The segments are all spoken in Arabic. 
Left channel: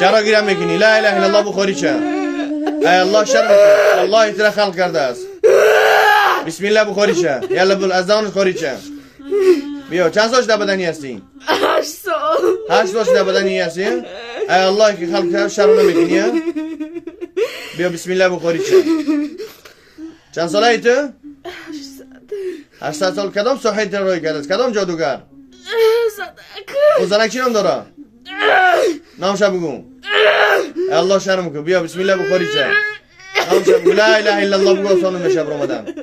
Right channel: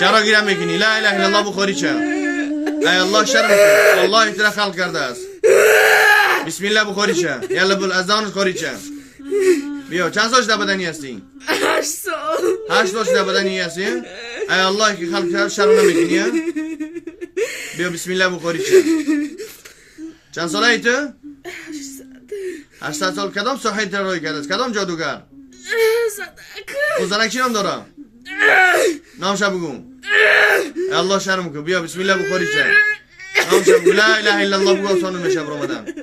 چرا گیرم میکنی؟ لا اله الا الله بخوری چه؟ ای الله شرم کن. الله ترا خلق کرده است. بسم الله بخوری چه؟ یالا بول اذان خوری چه؟ بیا چند سالش در بدنی هستی؟ 8 سال. 8 سالش در بدنی هستی؟ ای الله که خلق کرده شرم نمیکنی؟ بیا بسم الله بخوری چه؟ چند ساله ای تو؟ 8 سال. کدام ساحل ترایی کرده است؟ کدام جادوگر؟ صدق. او زنک چی نام داره؟ نامش بگو. الله شرم کن. بیا بسم الله بخوری چه؟ نامش بگو. لا اله الا الله بگو سانو میشه رمضان.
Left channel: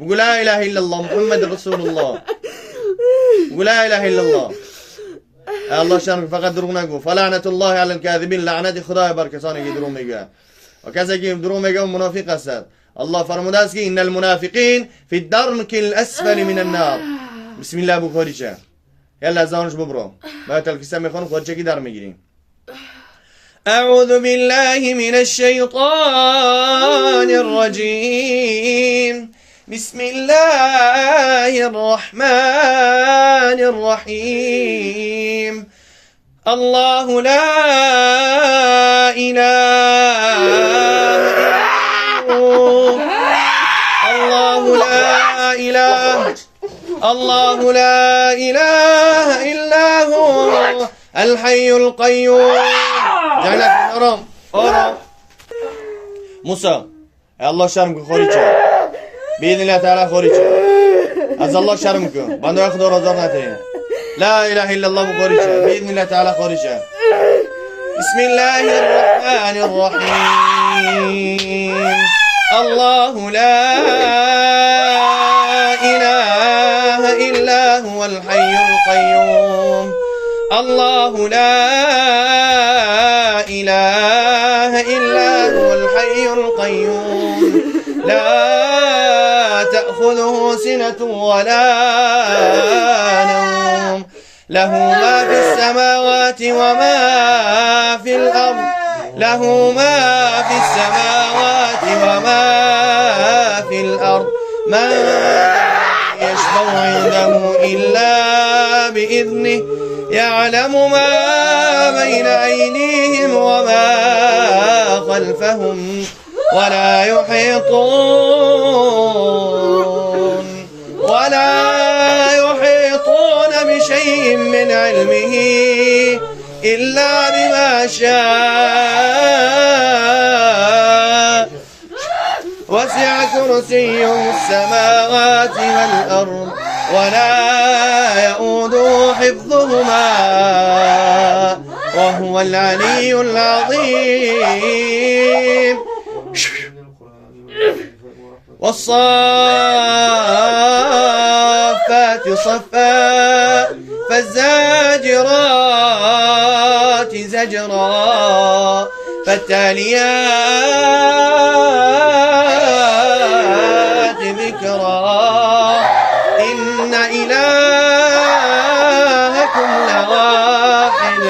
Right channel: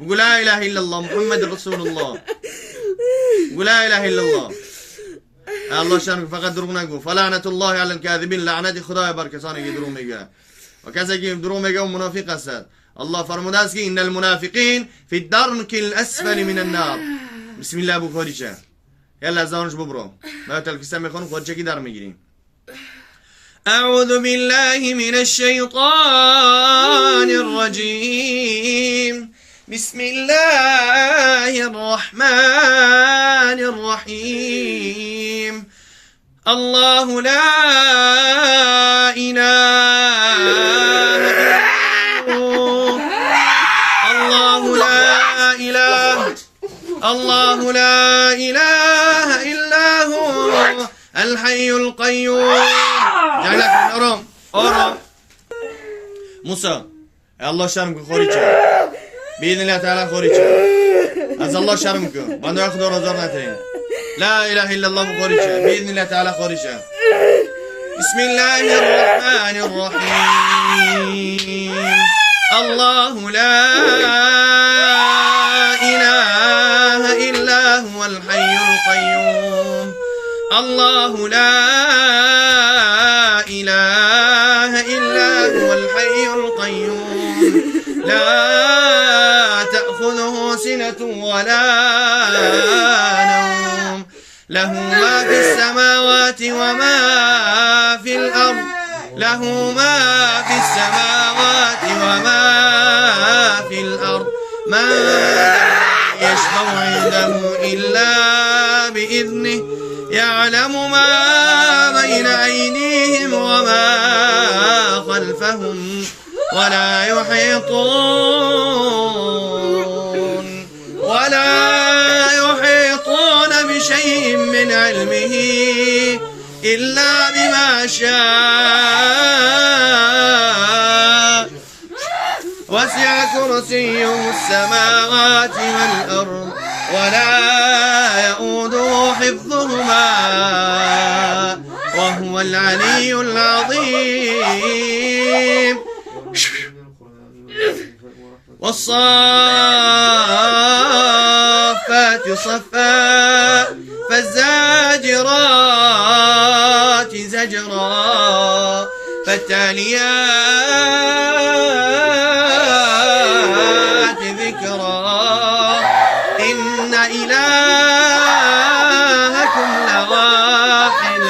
بگو لا اله الا الله محمد رسول الله. بگو لا اله الا الله. الله شرم کن. فقط دروغ نگو. فلعنت الله علی الکاذبین. لعنت خدای بر کسانی که دروغ میگه. و کسی که دروغ میگه اون منافق است. الله فرموده است که ان المنافقین فی الدرک الاسفل من النار. بسم الله بخوری چه؟ يلا اذانش ببرو ما تلكسه میخوان خودچه در میگیریم. اعوذ بالله من الشیطان الرجیم. بسم الله الرحمن الرحیم. الله لا اله الا هو. الله لا اله. الله لا إله إلا هو الحي القيوم. جعلك أرام أرام موسى الله شرمك خوريجا بإذن الله تعالى خوريجا از الله شرمك من ياخذ رزقته. لا إله إلا الله خوريجا بإذن الله تعالى خوريجا. بسم الله الرحمن الرحيم. الله لا إله إلا هو الحي القيوم. الله لا إله إلا هو الحي القيوم. لا تأخذه سنة ولا نوم. له ما في السماوات وما في الأرض. له ما في السماوات وما في الأرض. من يشفع عنده إلا بإذنه. يعلم ما بين أيديهم وما خلفهم ولا يحيطون بشيء من علمه إلا بما شاء. وسع كرسيه السماوات والأرض ولا يؤوده حفظهما وهو العلي العظيم. والصافات صفا فالزاجرات زجرا فالتاليات ذكرا. إن إلهكم لواحد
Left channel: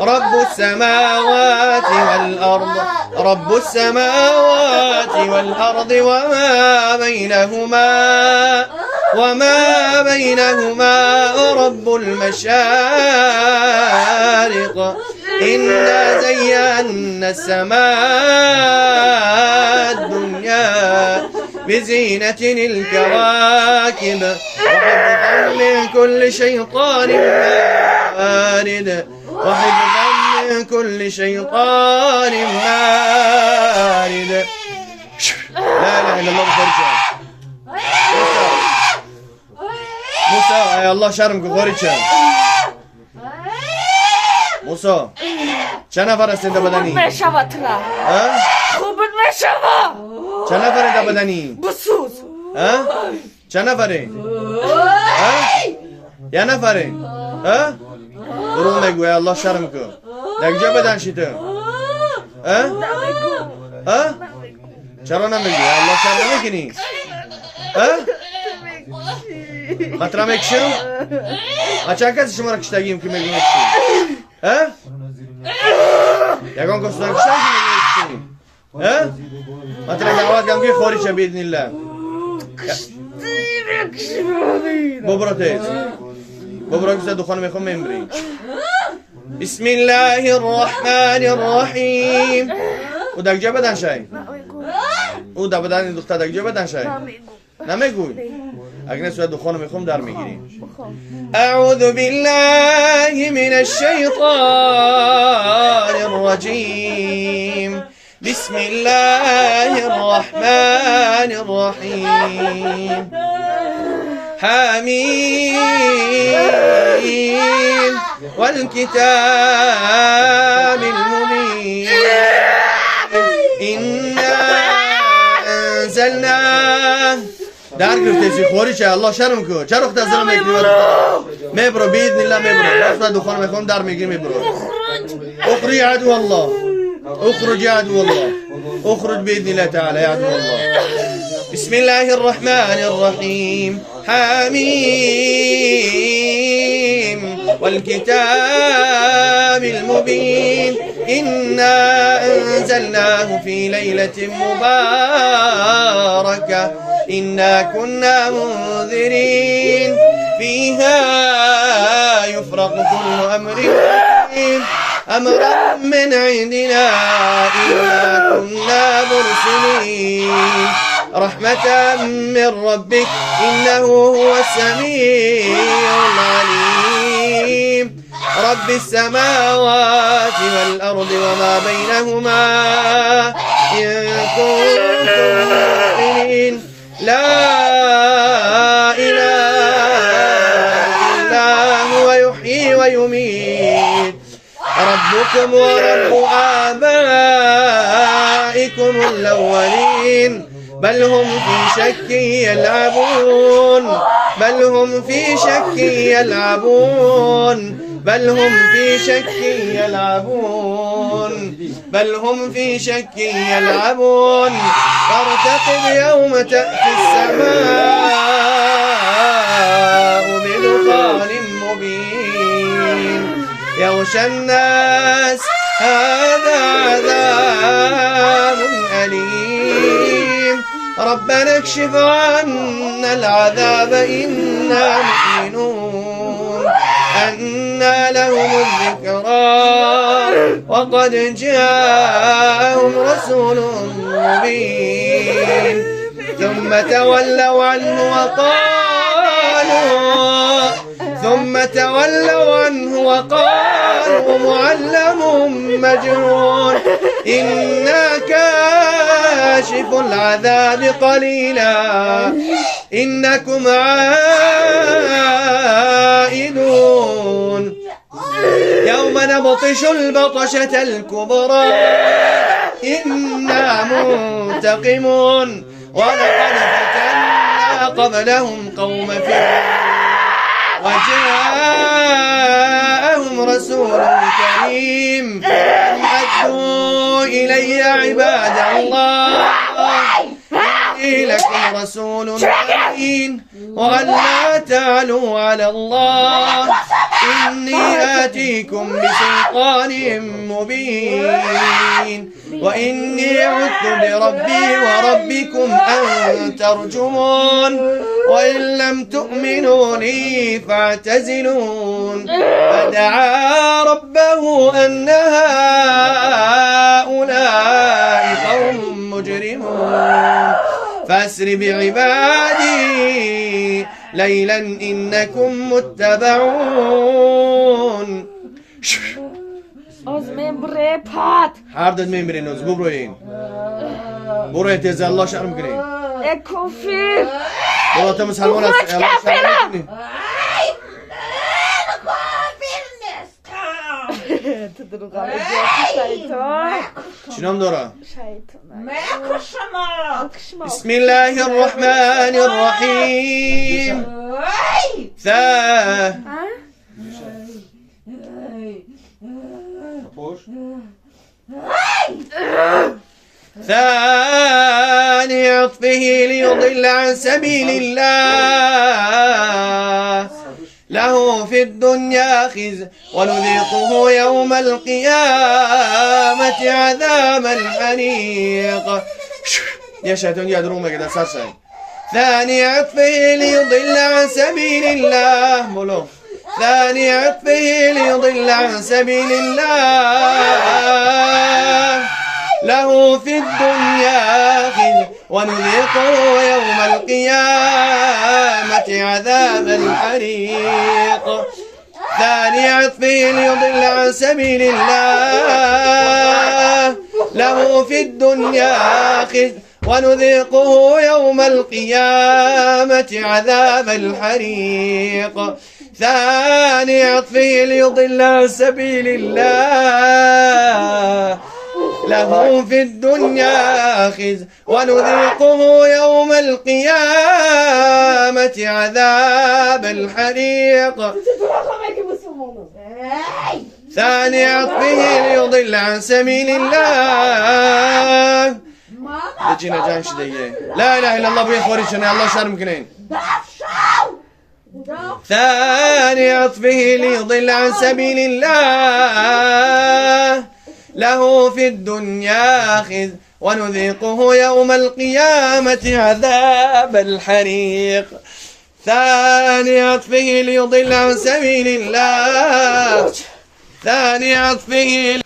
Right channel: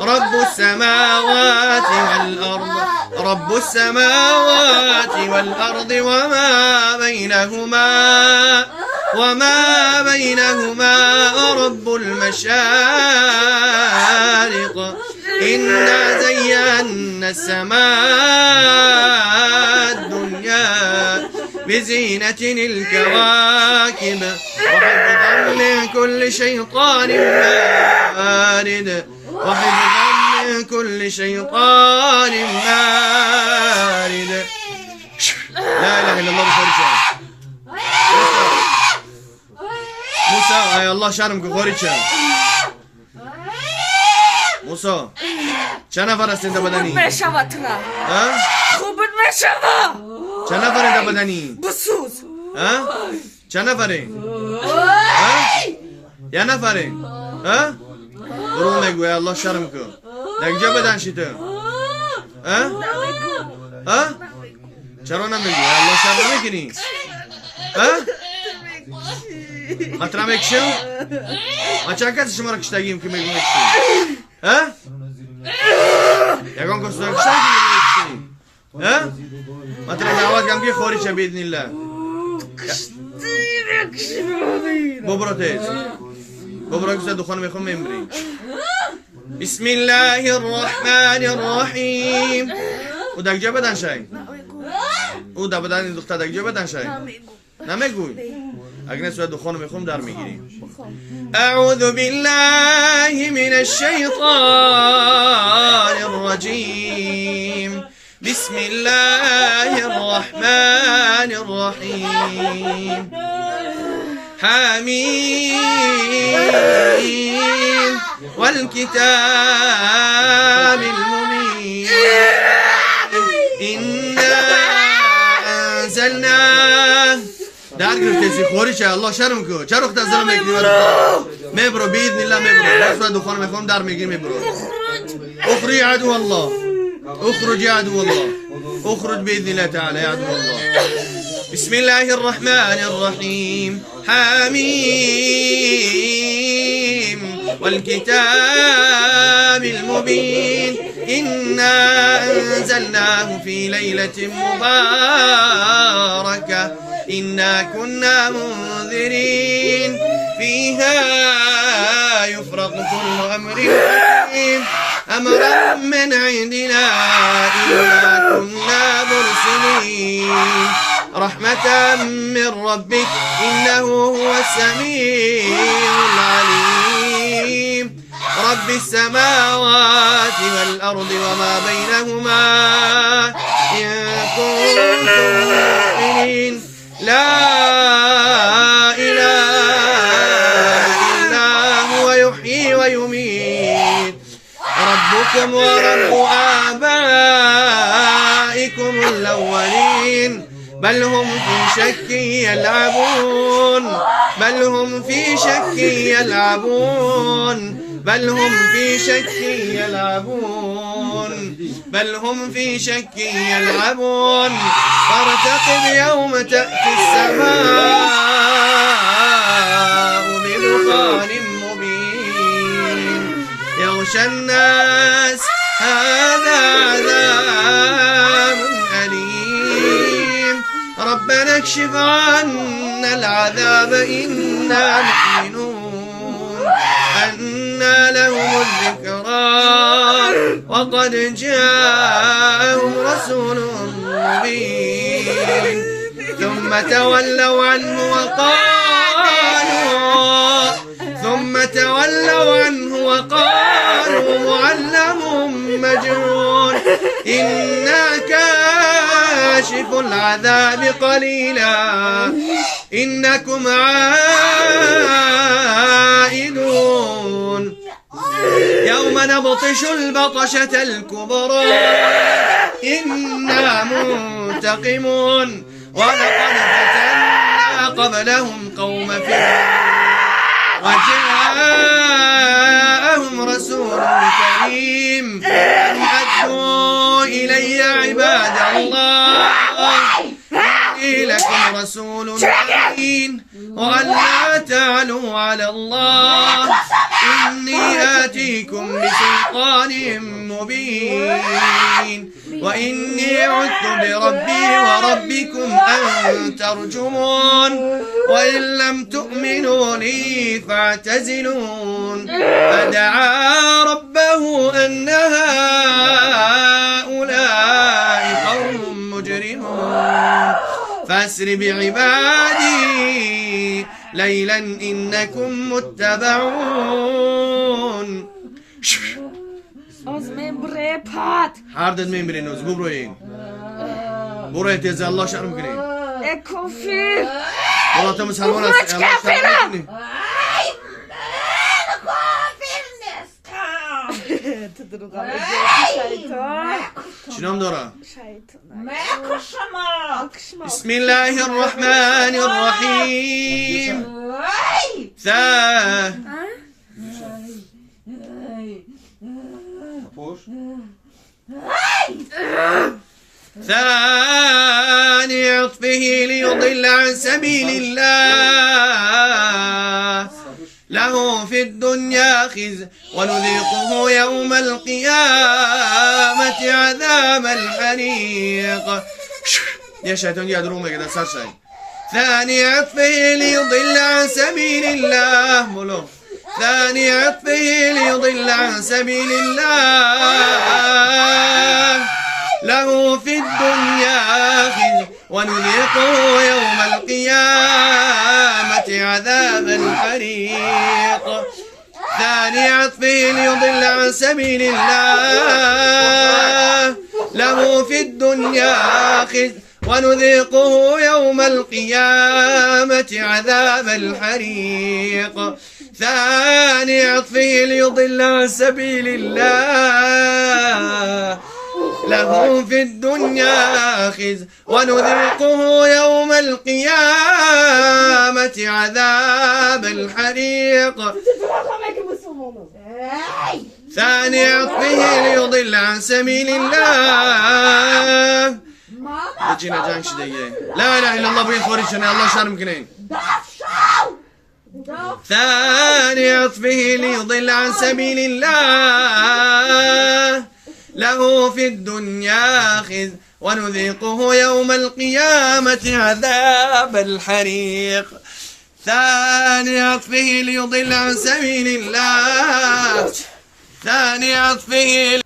رب السماوات والأرض. رب السماوات والأرض وما بينهما رب المشارق. إنا زينا السماء الدنيا بزينة الكواكب وحفظا من كل شيطان مارد. وحفظا من كل شيطان مارد. لا إله إلا الله بخوريشان. موسى أي الله شرمك خوريشان. موسى چند نفر هستین در بدنی؟ خوب میشود ترا. خوب میشود. چند نفر در بدنی؟ بسوز. چند نفره؟ یه نفره؟ دروغ نگو الله شرم کن. در کجا بدن شی تو؟ چرا نمیگی؟ الله شرم نمیکنی؟ مطرح میکشم؟ ما چند کسی شما را کشتگیم که میگو میکشیم؟ یکان کستان کشتن که میگو میکشیم؟ مطرح دعوت کم که خوری چه بیدن الله. ببرو تیز. ببرو که دخان میخوام میمری. بسم الله الرحمن الرحیم. او دکجه بدن شای. او دا بدن دختر دکجه بدن شای. نمیگوی. اگه نسوی دخانو میخوام در میگیریم. اعوذ بالله من الشیطان الرجیم. بسم الله الرحمن الرحیم. حمیم والكتاب المبين إنا أنزلناه. در گرفتسی خوری چه الله شرم کو چه رخت از دلم میکنی میبرو باذن الله میبرو دست دخان میخوام در میگیری میبرو. اخرج عدو الله اخرج عدو الله اخرج باذن الله تعالى يا عدو الله. بسم الله الرحمن الرحيم. حميم والكتاب المبين إنا أنزلناه في ليلة مباركة إنا كنا منذرين فيها يفرق كل أمر حكيم أمرا من عندنا إنا كنا مرسلين رحمة من ربك إنه هو السميع العليم. رب السماوات والأرض وما بينهما إن كنتم موقنين لا إله إلا هو يحيي ويميت ربكم ورب آبائكم الأولين بل هم في شك يلعبون بل هم في شك يلعبون بل هم في شك يلعبون بل هم في شك يلعبون فارتقب يوم تأتي السماء بدخان مبين يغشى الناس هذا عذاب أليم ربنا اكشف عنا العذاب إنا مؤمنون أنى لهم الذكرى وقد جاءهم رسول مبين ثم تولوا عنه وقالوا معلم مجنون إنا كاشف العذاب قليلا إنكم عائدون يوم نبطش البطشة الكبرى إنا منتقمون ولقد فتنا قبلهم قوم فرعون وجاءهم رسول كريم أن أدوا إلي عباد الله إني لكم رسول أمين وأن لا تعلوا على الله إني آتيكم بسلطان مبين وإني عدت بربي وربكم أن ترجمون وإن لم تؤمنوا لي فاعتزلون فدعا ربه أن هؤلاء قوم مجرمون فاسر بعبادي ليلا إنكم متبعون. از من بره پات هر دد میبرین از ببروین برو تیز الله شرم کنین اکوفی برو تا مسلمان است الله شرم کنین تدرو قبل شیطان چنام داره شیطان بسم الله الرحمن الرحیم ثاني عطفه ليضل عن سبيل الله له في الدنيا خزي ونذيقه يوم القيامة عذاب الحريق. يا شيطان يا درومة كده سرسي. ثاني عطفه ليضل عن سبيل الله ملو ثاني عطفه ليضل عن سبيل الله له في الدنيا خزي ونذيقه يوم القيامة عذاب الحريق ثاني عطفه ليضل عن سبيل الله له في الدنيا خزي ونذيقه يوم القيامة عذاب الحريق ثاني عطفه ليضل عن سبيل الله له في الدنيا خزي ونذيقه يوم القيامة عذاب الحريق ثاني عطفه ليضل عن سبيل الله لجينا جانش ديه لا اله الا الله بين خوريشنا الله شرم كنين ثاني عطفه ليضل عن سبيل الله له في الدنيا خزي ونذيقه يوم القيامة عذاب الحريق ثاني عطفه ليضل عن سبيل الله ثاني عطفه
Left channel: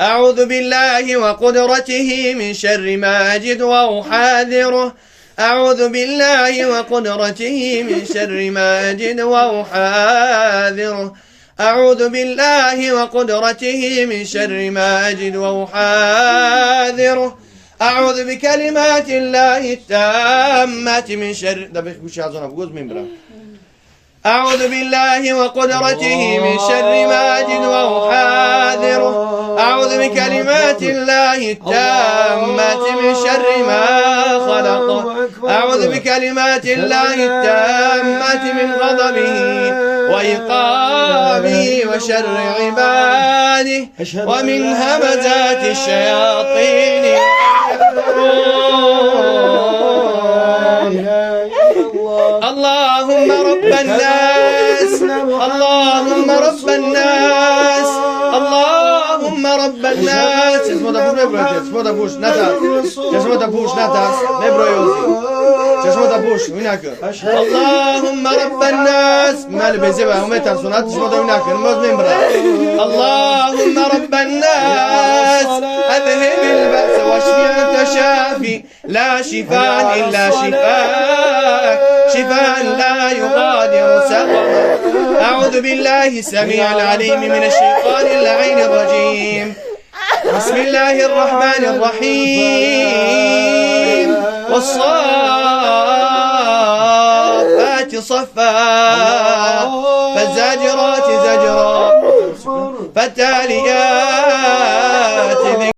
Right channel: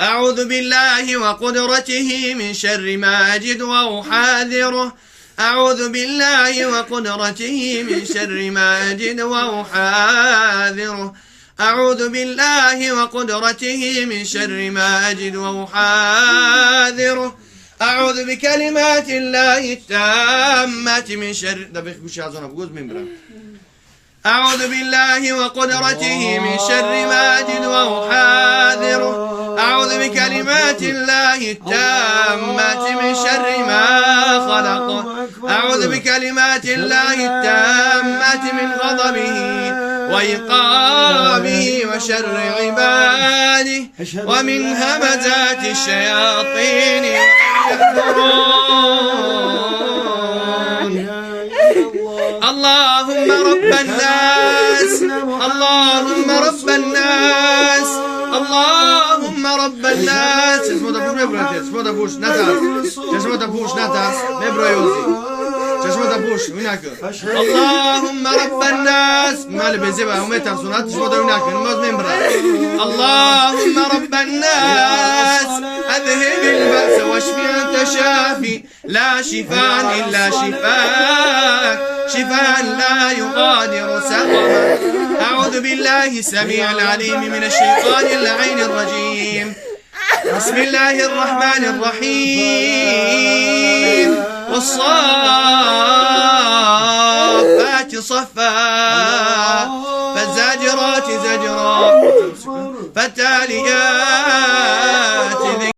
أعوذ بالله وقدرته من شر ما أجد وأحاذره أعوذ بالله وقدرته من شر ما أجد وأحاذره أعوذ بالله وقدرته من شر ما أجد وأحاذره أعوذ بكلمات الله التامات من شر أعوذ بالله وقدرته من شر ما أجد وأحاذره أعوذ بكلمات الله التامات من شر ما خلق أعوذ بكلمات الله التامات من غضبه وإيقابه وشر عباده ومن همزات الشياطين اللهم رب الناس اللهم رب الناس اللهم رب الناس اسمه ده بوش نتاس اسمه ده بوش نتاس نبرو يوزي اسمه ده بوش هناك اللهم رب الناس مال بيزبا ومتى صنات اسمه ده هناك نموز نمبرا اللهم رب الناس اذهب البأس واشفي انت شافي لا شفاء الا شفاءك شفاء لا يغادر سقما أعوذ بالله السميع العليم من الشيطان اللعين الرجيم بسم الله الرحمن الرحيم والصافات صفا فالزاجرات زجرا فالتاليات